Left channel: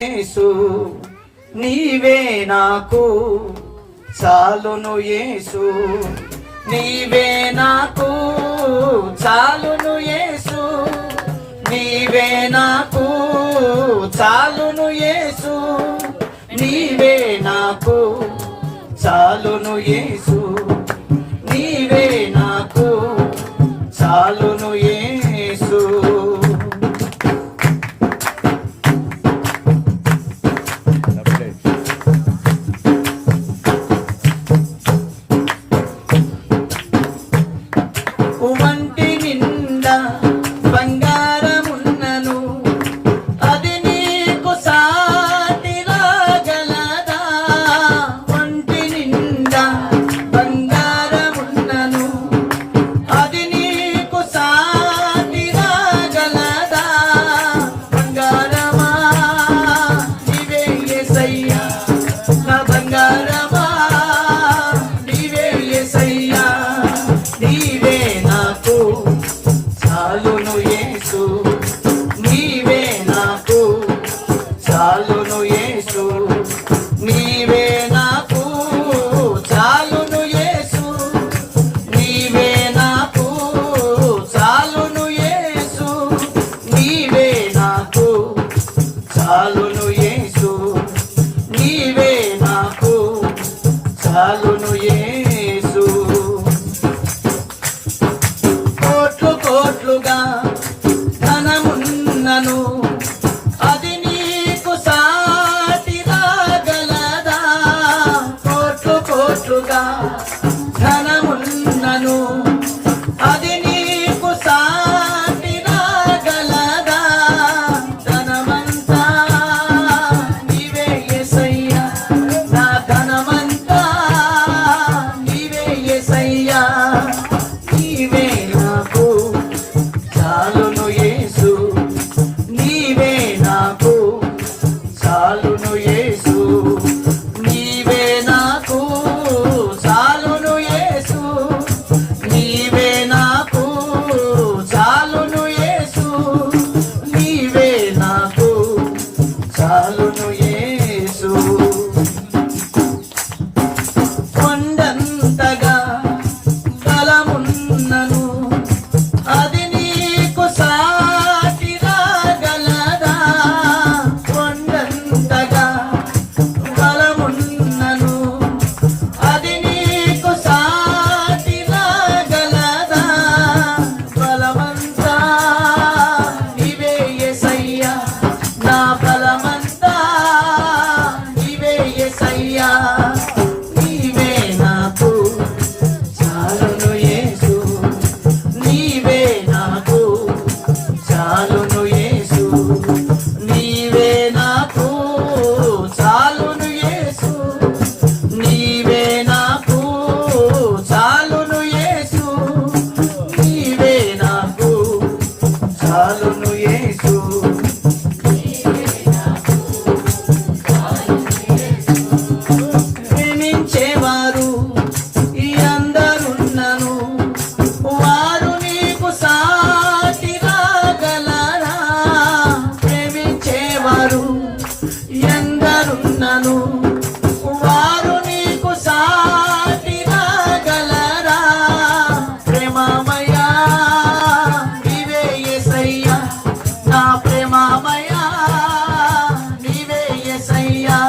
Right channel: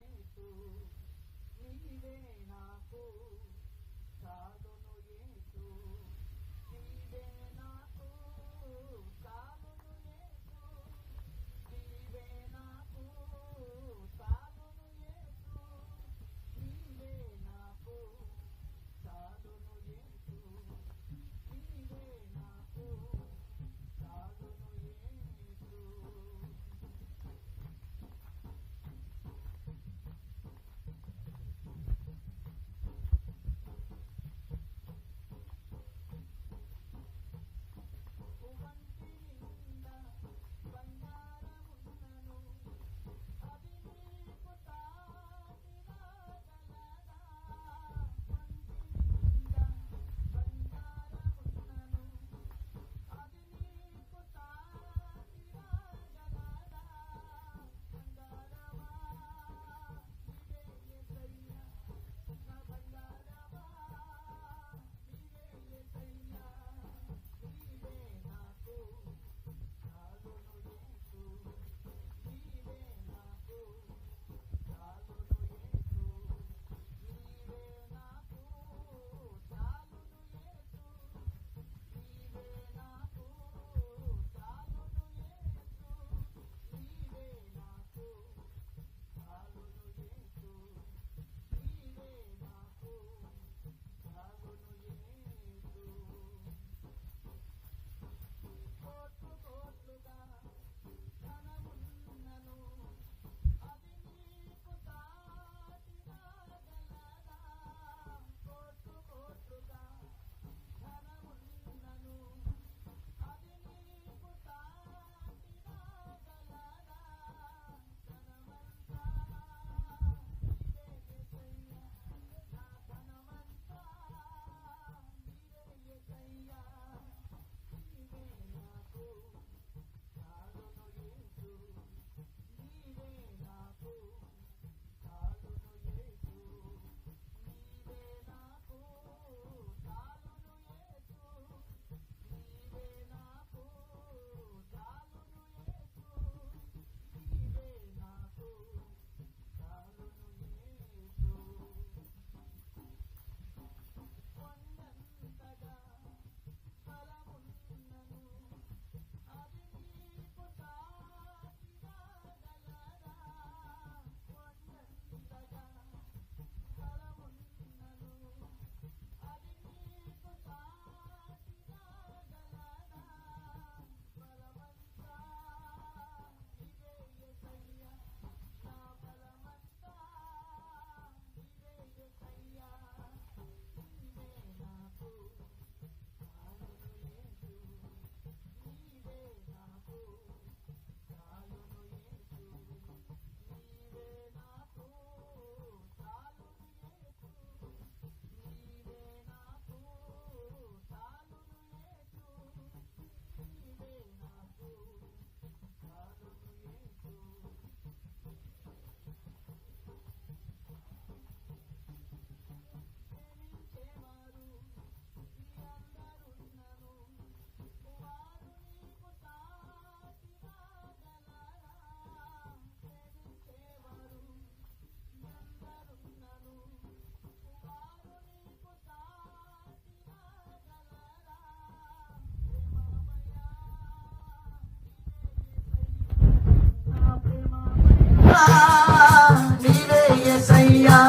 యేసు నీవే నాకు చాలును, యేసు నీవే నాకు చాలును, యేసు నీవే నాకు చాలును, యేసు నీవే నాకు చాలును, యేసు నీవే నాకు చాలును, యేసు. వంటి నిండా బంగారమున్నను అది నీకు సాటి రాగలదా? వంటి నిండా బంగారమున్నను అది నీకు సాటి రాగలదా? బంగారమా నీవే యేసయ్యా, నా బంగారమా నీవే యేసయ్యా, నీవే నాకు చాలును, యేసు నీవే నాకు చాలును, యేసు నీవే నాకు చాలును, యేసు నీవే నాకు చాలును, యేసు నీవే నాకు చాలును, యేసు నీవే నాకు చాలును, యేసు. కోట్లు కోట్లుగా ధనమున్నను అది నీకు సాటి రాగలదా? కోట్లు కోట్లుగా ధనమున్నను అది నీకు సాటి రాగలదా? ధనమంతా నీవే యేసయ్యా, నా ధనమంతా నీవే యేసయ్యా, నీవే నాకు చాలును, యేసు నీవే నాకు చాలును, యేసు నీవే నాకు చాలును, యేసు నీవే నాకు చాలును, యేసు నీవే నాకు చాలును, యేసు. కొండంతగా బలమున్నను అది నీకు సాటి రాగలదా? కొండంతగా బలమున్నను అది నీకు సాటి రాగలదా? బలమంతా నీవే యేసయ్యా, నా బలమంతా నీవే యేసయ్యా, నీవే నాకు చాలును, యేసు నీవే నాకు చాలును, యేసు నీవే నాకు చాలును, యేసు నీవే నాకు చాలును, యేసు నీవే నాకు చాలును, యేసు. ప్రేమించేవారు ఈ అందరున్నను వారు నీకు సాటి రాగలరా? ప్రేమించేవారు ఎందరున్నను వారు నీకు సాటి రాగలరా? ప్రేమమయా నీవే యేసయ్యా, నా ప్రేమమయా నీవే యేసయ్యా,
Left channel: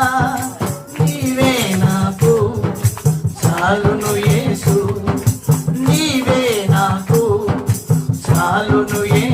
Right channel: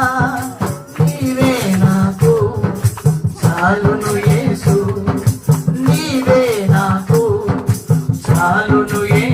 నీవే నాకు చాలును, యేసు నీవే నాకు చాలును, యేసు.